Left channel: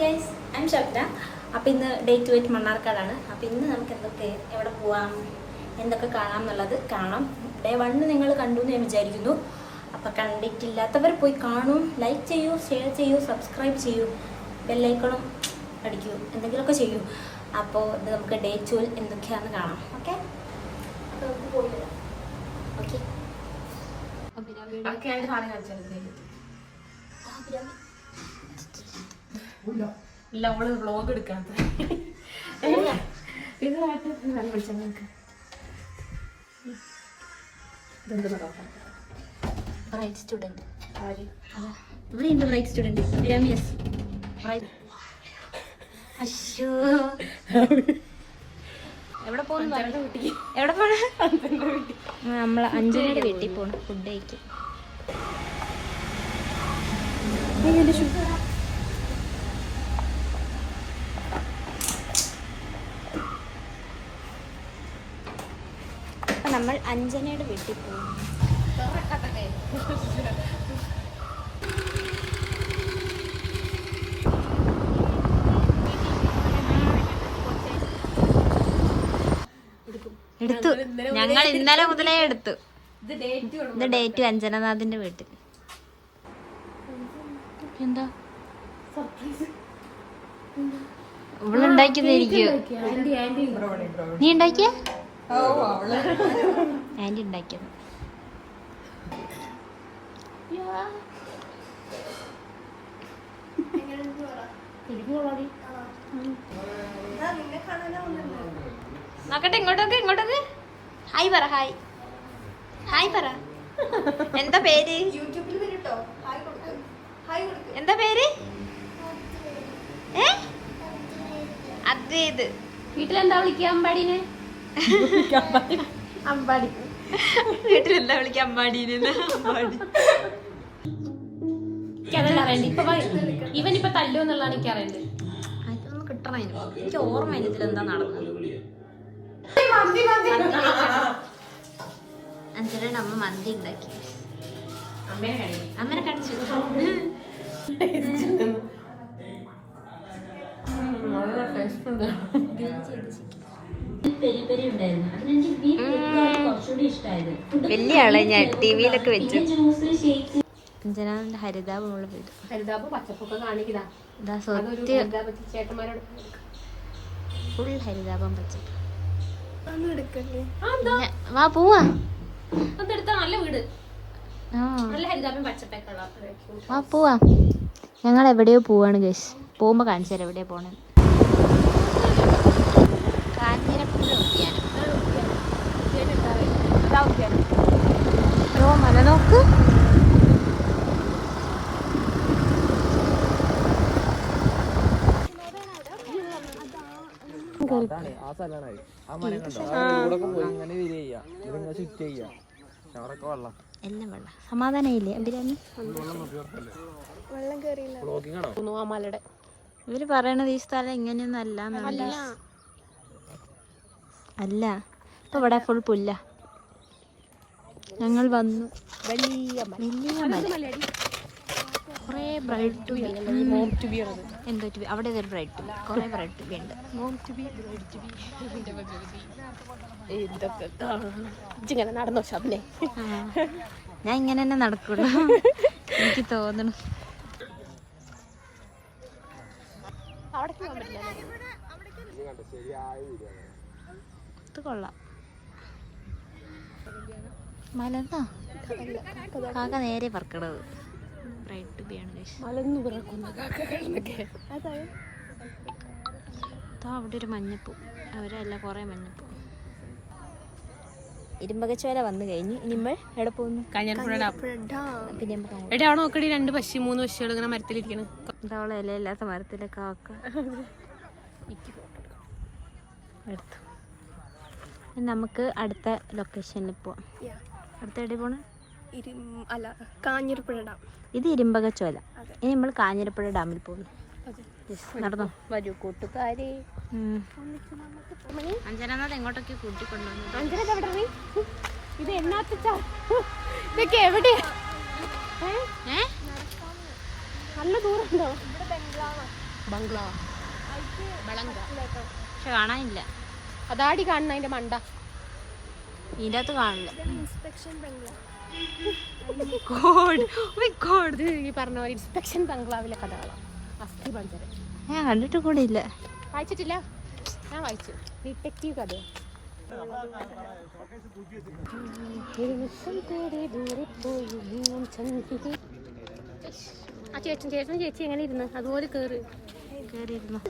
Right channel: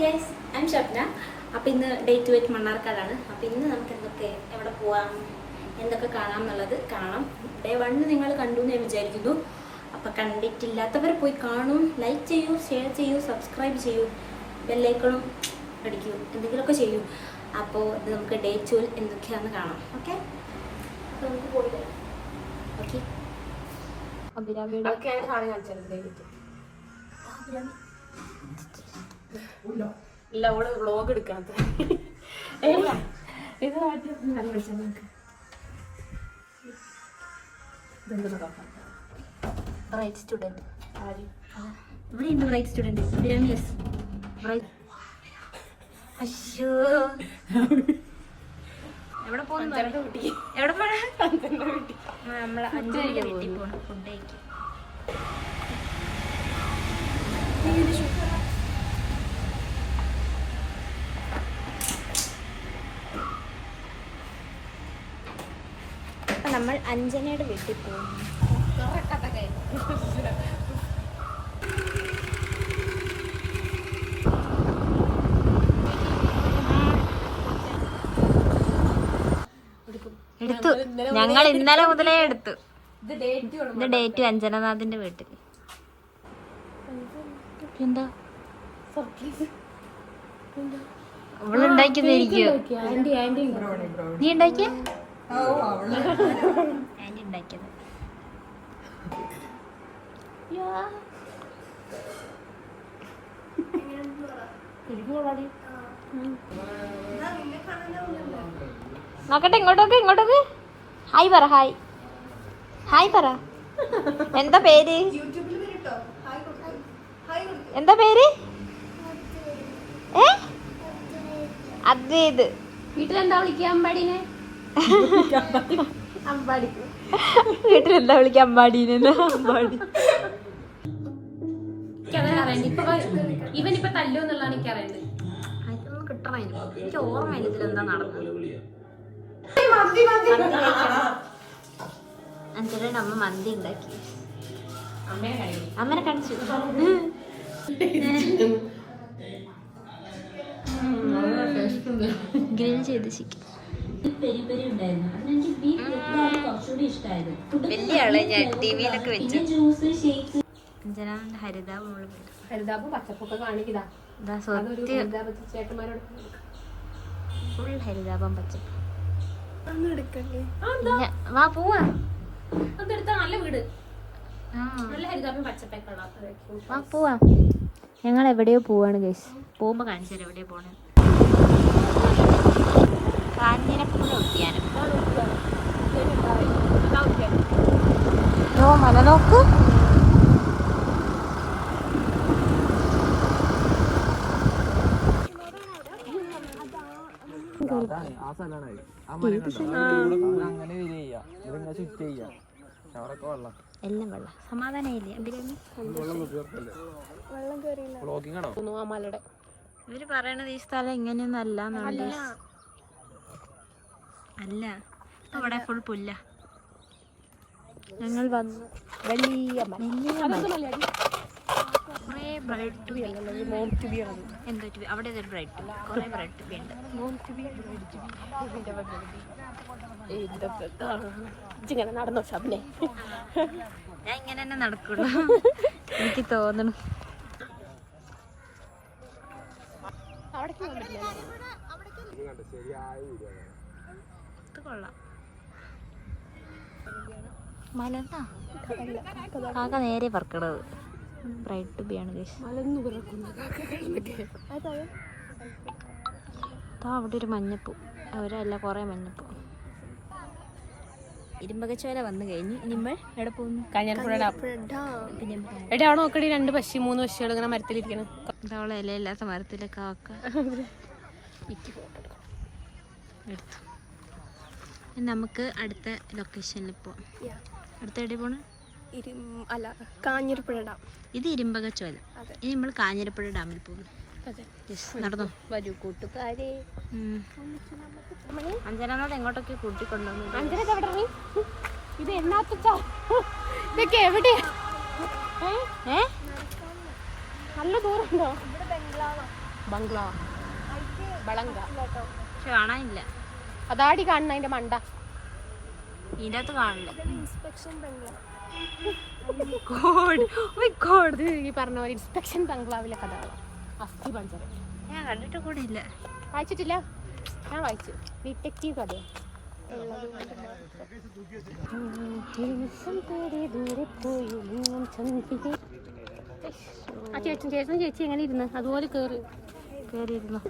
Guys, I M Shabna. അപ്പോൾ ഇന്ന് day 28 മണ്ണാർക്കാടാണ്. അപ്പോൾ ഇന്ന് നമുക്ക് എവിടെ പോവാം, എന്തൊക്കെ കാണാം എന്നുള്ളത് കാണാം. ഡേ 1 നിങ്ങൾ കണ്ടു എന്ന് ഞാൻ വിചാരിക്കുന്നു. അപ്പോൾ കണ്ടിട്ടില്ലാത്തവർ പോയി കാണൂ, ലൈക്ക് ചെയ്യൂ, ഷെയർ ചെയ്യൂ, സബ്സ്ക്രൈബ് ചെയ്യൂ, ബെല്ലൈക്കണും അടിക്കൂ, എന്തെങ്കിലുമൊക്കെ ചെയ്യൂ. അപ്പോൾ ഇത് നമുക്ക് ഡേ 12 എന്തൊക്കെയാണെന്ന് കാണാം. ഓക്കെ, അപ്പോൾ നമുക്ക് പോയി വരാം. ഓക്കെ, ഇല്ല, അവള് വ്ലോഗ് എടുക്കണം. ഇത് ബ്രൈറ്റ് സ്റ്റുഡൻറ് ഇവിടെയുണ്ട്. Bright student yes. അയ്യോ, എവിടെ പോകണം? എവിടെ പോണം? നമ്മള് 5 മണിക്ക് വീട്ടിൽ പോകണം ഫുഡ് കഴിക്കും. അപ്പം നമ്മൾ അഞ്ജനയുടെ വീട്ടിൽ പോകുന്നു. എടുത്തു, ഞങ്ങൾ ഇന്നലെ മുതലേ എടുത്തു. ഇത് ഡേറ്റ് അഞ്ജനനാഥിന്റെ വീട്ടിൽ. എന്താ ഇവളുണ്ടാക്കിയതായിരിക്കും. നീ ഉണ്ടാക്കിയ? ആന്റി ഉണ്ടാക്കിയത്. നോക്കട്ടെ, ഇങ്ങോട്ടൊക്കെ ഹായ് പറ. ഹായ് പറ. എന്താ പേര്? എന്താ പേര്? അദ്വൈത്. വീട്ടിലെന്താ വിളിക്കുക? അമ്പാടിനെ. അമ്പാടി. വീട്ടിലെന്താ വിളിക്കുക? അമ്പാടിനെ. അമ്പാടി. ഇവനിപ്പോ തല്ലു എന്നുള്ളതാണ് എനിക്കറിയുന്നത്. അതൊന്നും കിട്ടണം. എനിക്ക് ഓർമ്മയില്ല ഇതിലെന്താ നടന്നത്. അഞ്ജനയുടെ അമ്മ മന്തി ഉണ്ടാക്കി. അമ്മനെ കാണിച്ചു. ഗ്രിൽ ചെയ്ത് ചിക്കൻ. വലിയ ആളെ ഞാൻ ടിവിയിലൊക്കെ വെച്ചു. അഞ്ജനാന്റെ ഹരിതാപ് ഹരിതാപ് പച്ചപ്പൊക്കെ കാണിക്കതാ. ചേട്ടന്മാരോട് ഫുൾ ഹരിതാപം പച്ചപ്പ്. വാ പോവാ. നല്ല വീട്, നല്ല ഹരിതാപം പച്ചപ്പൊക്കെ. വാ പോവാ. ഞങ്ങൾ എവിടെയോ പോവാണ് ഗൈസ്. പോകുമ്പോ കാണിച്ചു തരാം എവിടെയോ പോണേ. കാഞ്ഞിരപ്പുഴ ഉദ്യാനം. ഓ, മല നോക്ക്. എല്ലാം വെള്ളം. സമാധാനം ഇല്ലേ? ഇവര് പറയണത് ഈ സ്ഥലം ഇങ്ങനെയൊന്നും അല്ല. ഇപ്പൊ ഇവിടെ ഫുൾ പുല്ല. ഞങ്ങൾ വന്നു. വലിയ കുറേ ബ്രൈറ്റ് ടു ബി. എന്തോ ടു ബി? അവിടെ ഒരു ബ്രൈറ്റ് ടു ബി, കുറേ ബ്രൈറ്റ് ടു ബി ഉണ്ട്. നടന്നോ ഷാപ്പിനെ? ഞാൻ ഇങ്ങനെ തന്നെ നടക്കുള്ളൂ, എനിക്ക് തോന്നണു. ഇത് കൊള്ളാം. മലന്നാ കാക്ക നേരെ പറക്കണത്. ബ്രൈറ്റ് ടു ബി ആണ്. അവിടെ ഒരു മഞ്ഞപ്പൂ. അവരല്ല, കുറേ മഞ്ഞപ്പൂ. ഇരുമ്പകച്ചോല വന്നു കഴിഞ്ഞു. നമ്മൾ എവിടെ പോകുന്നു? എവിടെ നോക്കടി? 2 പശി 3 പശികൾ ഇങ്ങനെ മരത്തിലിരിക്കണം. ഇതവളെ ഇലയില്ലാത്ത മരത്തിലെ കാക്ക എടുത്തു. നമുക്ക് അടുത്ത ലൊക്കേഷനിൽ പോവാം. അടുത്ത എവിടെ പോണ? കാഞ്ഞിരപ്പുഴ ഡാം. ഇത് ഇരുമ്പകച്ചോല. ഇനി നമ്മൾ കാഞ്ഞിരപ്പുഴ ഡാമിൽ പോകുന്നു. നടന്നോ? വരൂ കൂട്ടുകാരി. അഞ്ജനാഥ് എങ്ങോട്ടൊക്കെ കൂട്ടിക്കൊണ്ടുവന്നു. ഇത് ഇതൊക്കെ എവിടെയാ? നല്ല ദൂരം. ബംഗ്ലാവ് ബളങ്ക. പക്ഷെ കാണാനില്ല. അതാടി കാണുന്ന അതിന്റെ മണ്ട. ഇതിന്റെ അകത്ത് കാണില്ല. ഇൻസ്പെക്ഷൻ ബംഗ്ലാവ്. ഇത് ഈ പറഞ്ഞ പോലെ ഇൻസ്പെക്ഷൻ ബംഗ്ലാവിലെ കഥകളാണ്. അസ്ഥി പഞ്ചരം ഞാൻ കണ്ടിട്ട് കൂടെ ഇല്ല. വായിച്ചിട്ടില്ല? ഞാൻ വായിച്ചു. ഡിറ്റക്റ്റീവ് കഥ. ആ ചേച്ചൻ ചേച്ചി എങ്ങനെ ഇരുന്ന് അതുപോലെ കേറിയിരുന്നു.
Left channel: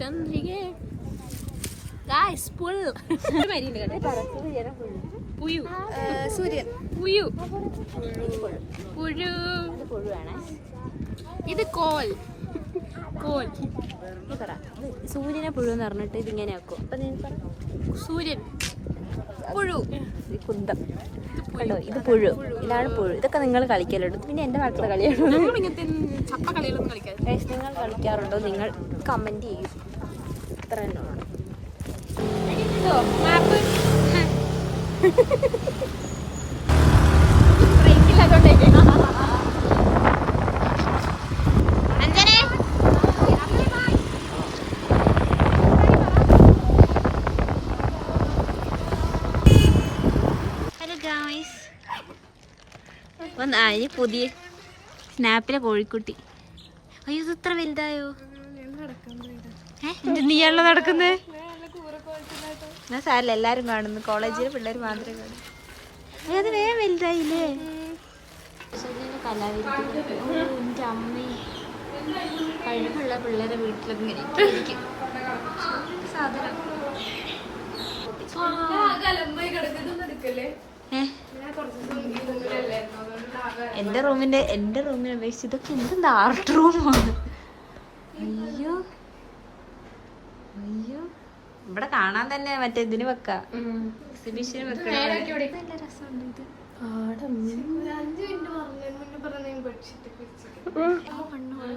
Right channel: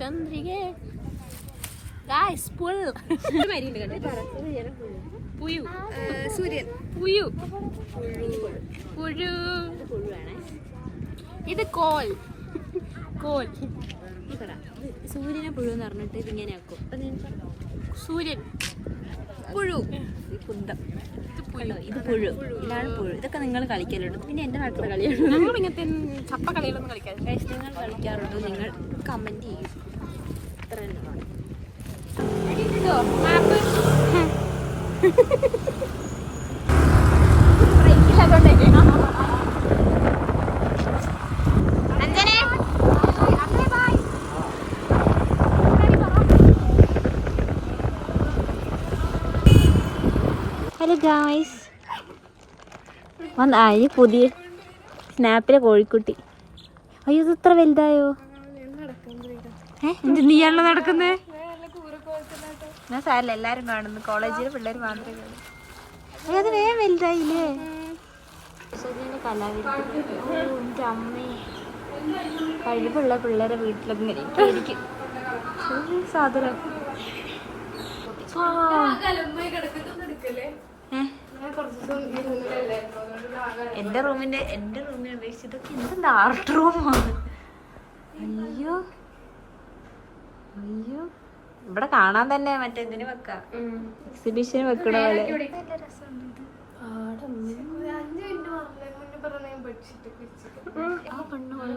ചന്ദ്രിക പുഴു സൂര്യൻ പുഴു പുഴു. ഇത് കോൽ കോൽ. സൂര്യനെ പുഴു എന്ന് പറഞ്ഞിട്ട് ഇതിങ്ങനെ ആക്കും. അപ്പൊ സൂര്യൻ പുഴു. കുന്തം. ഇത് പുഴു. ഇതാണ് പുഴു. ഇതൊക്കെ നിങ്ങൾ കളിക്കലുണ്ട്. പിന്നെ എന്റെ നാട്ടിലെ കളിയാണ്. ഞങ്ങൾ ഇങ്ങനത്തെ ചപ്പ കളികളൊന്നും കളിക്കാറില്ല. നിങ്ങൾ കളിക്കാറുണ്ടോ? നിങ്ങൾ കമന്റ് ചെയ്യും. ഇത്ര മാപ്പ് ബ്രേക്കില്ലാത്തോണ്ടേ. ഹലോ ഗായ്സ്, ഈ പുതിയ സ്നാപ്പിലെ കോഴിക്കുട്ടി. അയ്യോ, ഇത് ഇത്ര വലുതായോ? നീയാണല്ലോ നടക്കുന്നത്. ഞാൻ സാരല്ല, എല്ലാരും കാണുന്നു. കോളേജിലെ പിള്ളേർ മാത്രമേ കാണൂ. അയ്യോ, അത് വേഗം വലുതായില്ലേ? കലാവിരുദ്ധ. എൻ്റെ അമ്മ, കഴിവുള്ള പിള്ളേരെ വീട്ടിലൊക്കെ ഇങ്ങനെ ഇരിക്കും. സാധനം എന്റെ റൂമിനെ അപേക്ഷിച്ച് ഇതൊക്കെ എന്തെന്താ ആർട്ട് റൂമാണ്. അയ്യോ അയ്യോ, ഇവിടെ കാണാൻ തന്നെ മറ്റേ ഇതിന് വെക്കാം, എക്സിബിഷന് വെക്കണ പോലെ. നല്ല രസമുണ്ട് ഇത്. ആ പെണ്ണുള്ള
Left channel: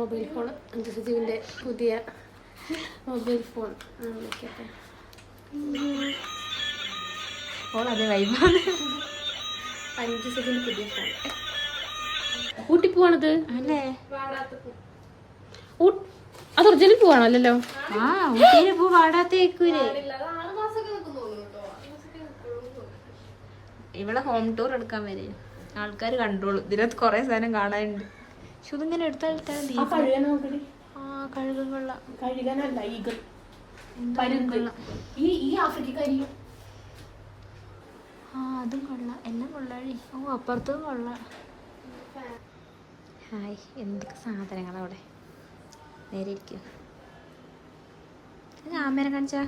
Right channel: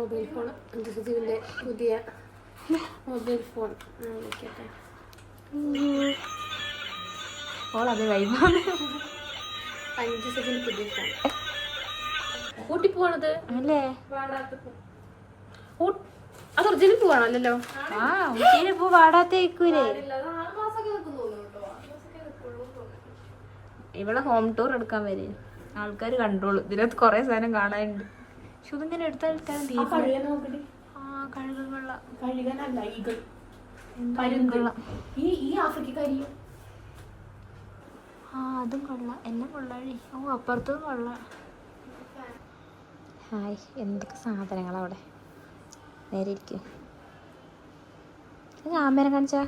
മൊബൈൽ ഫോൺ അഞ്ജുസുജീവിന്റെ പുതിയ മൊബൈൽ ഫോൺ. ഓളത് വൈബാണ്. അഞ്ജുസുജീവിന്റെ പുതിയ ഫോൺ. ഊട്ടി പോവാണത് അല്ലേ? അത് ഒറിജിനൽ പോവാണല്ലോ. ആ, ഊട്ടിയില് പൂ വാടാത്തേക്കൂലേ? ഇവിടെ ഹോം ടൂർ എടുക്കാൻ വരെ ആൾക്കാർ കണ്ടോളൂ. ഇതിനകത്ത് കൊറേ സാധനം കാണാനുണ്ട്. പക്ഷെ ഇതിങ്ങനെ എടുത്താൽ അതും കൊള്ളാം. എല്ലാം കൊള്ളാഴി. ഓ, അപ്പുറത്തും കൊള്ളാം. ഹായ്, എന്തൊക്കെ സാധനങ്ങളാ അവിടെ. നേരെ ഇരിക്കും. ക്യാമറ കാണിച്ചാ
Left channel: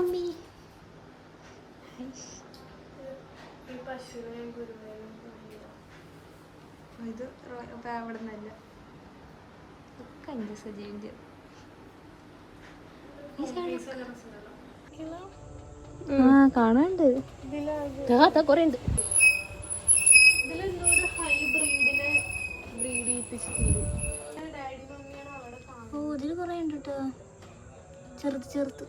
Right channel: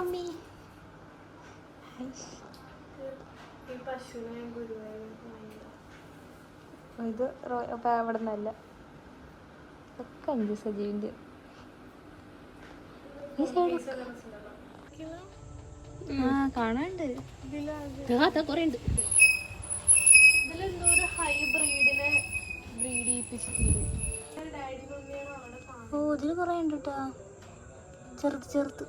അമ്മി. ഇത് അവിടെ നിന്നല്ല, ഒക്കെ അഞ്ച് സജീവിൻ്റെ. ആ, കാണാണ്ട് കൊറേ ഉണ്ട്. ഓ, ഇതില് കൊറേ ഉണ്ട് കേട്ടോ. ചെറുത്ത്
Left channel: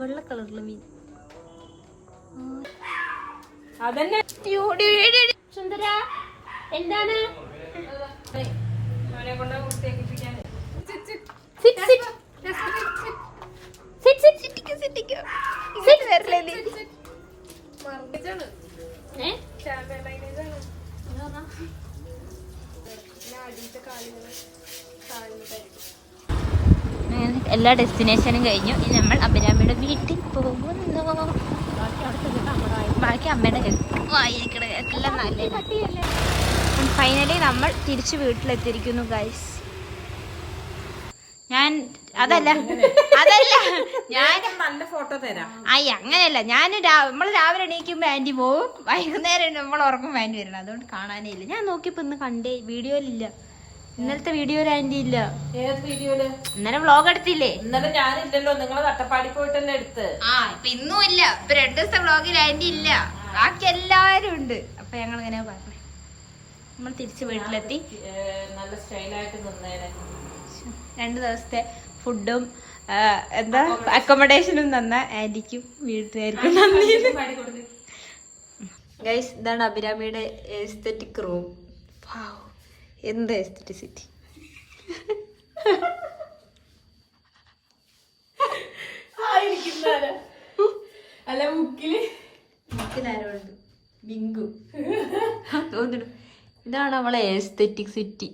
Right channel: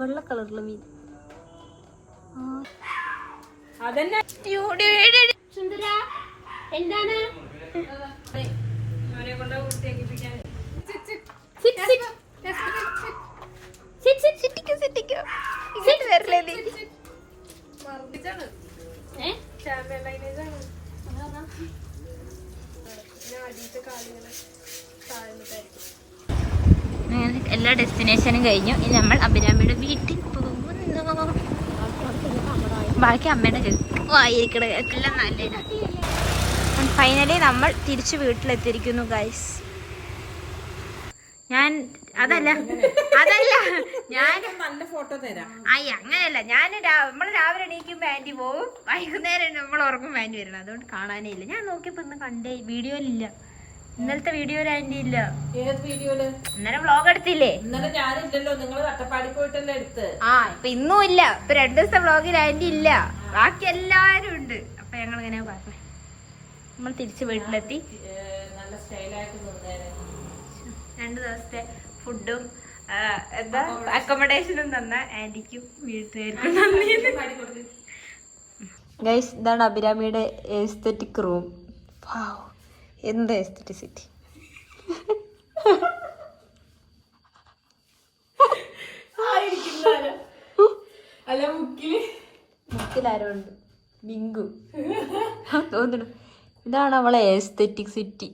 വെള്ള കളറിലെ മീൻ. അതന്നെ സുന്ദര എന്താണ്? എല്ലാ ഡെസ്റ്റിനേഷനും കഴിഞ്ഞു. ഇനി നമ്മൾ അഭിരാമിയുടെ വീട്ടിൽ പോകുന്നു. ബാക്കി അമ്മയുടെ വായിരിക്കണ എല്ലാം നല്ല. ഫൈനലി നമ്മൾ തിരിച്ച് വീട്ടിലെത്തിയിരിക്കുന്നു ഗൈസ്. അതല്ല ഞാൻ നല്ല ഫോട്ടോ തരാം. അങ്ങനെയല്ല, നമ്മൾ രാവിലെ എണീക്കുമ്പോ ആന്റി പോവും, വൈകുന്നേരം നമ്മൾ ഉറങ്ങും ആന്റി വരണം. അതുകൊണ്ട് കാണാനേ ഇല്ല. ഞാൻ നോക്കിയപ്പോ ഇന്ന് കണ്ടേ വീഡിയോയിലില്ല. ഇന്നലത്തെ വീഡിയോയിൽ ആന്റി ഇല്ല. ഏത് വീഡിയോയില്? ഇന്നലെ വ്ളോഗ് എടുത്തില്ലേ? ഇന്നലെ ഞാനില്ലല്ലോ, നിങ്ങള് തട്ടപ്പാടി പോയിട്ടല്ലേ എടുത്ത്. ഇപ്പൊ ഇന്നും ഇല്ല. ഇപ്പൊ 2 ദിവസത്തെ വ്ളോഗിൽ ആന്റി ഇല്ല, ബാക്കി എല്ലാരും ഉണ്ട്. അപ്പൊ ഞങ്ങൾ ഇങ്ങനെ പറഞ്ഞേ, നമ്മൾ തിരിച്ച് വീട്ടിലെത്തി. നല്ല സ്റ്റൈലായിട്ട് നിന്നേനെ. 2 ദിവസത്തെ ഫുഡും എന്താ അക്കോമഡേഷനും തന്ന ആന്റിക്കും വീട്ടുകാർക്കും നന്ദി. ഗൈസ്, ഇതാണ് അഭിരാമിയുടെ എസ്തെറ്റിക് റൂം. എന്താ എസ്തെറ്റിസിറ്റി. അല്ല മുക്കിലാരുണ്ട് ബിങ്കു തോന്നുന്നു. ഇതാണ് അവളെ എസ്തെറ്റിക് സിറ്റി.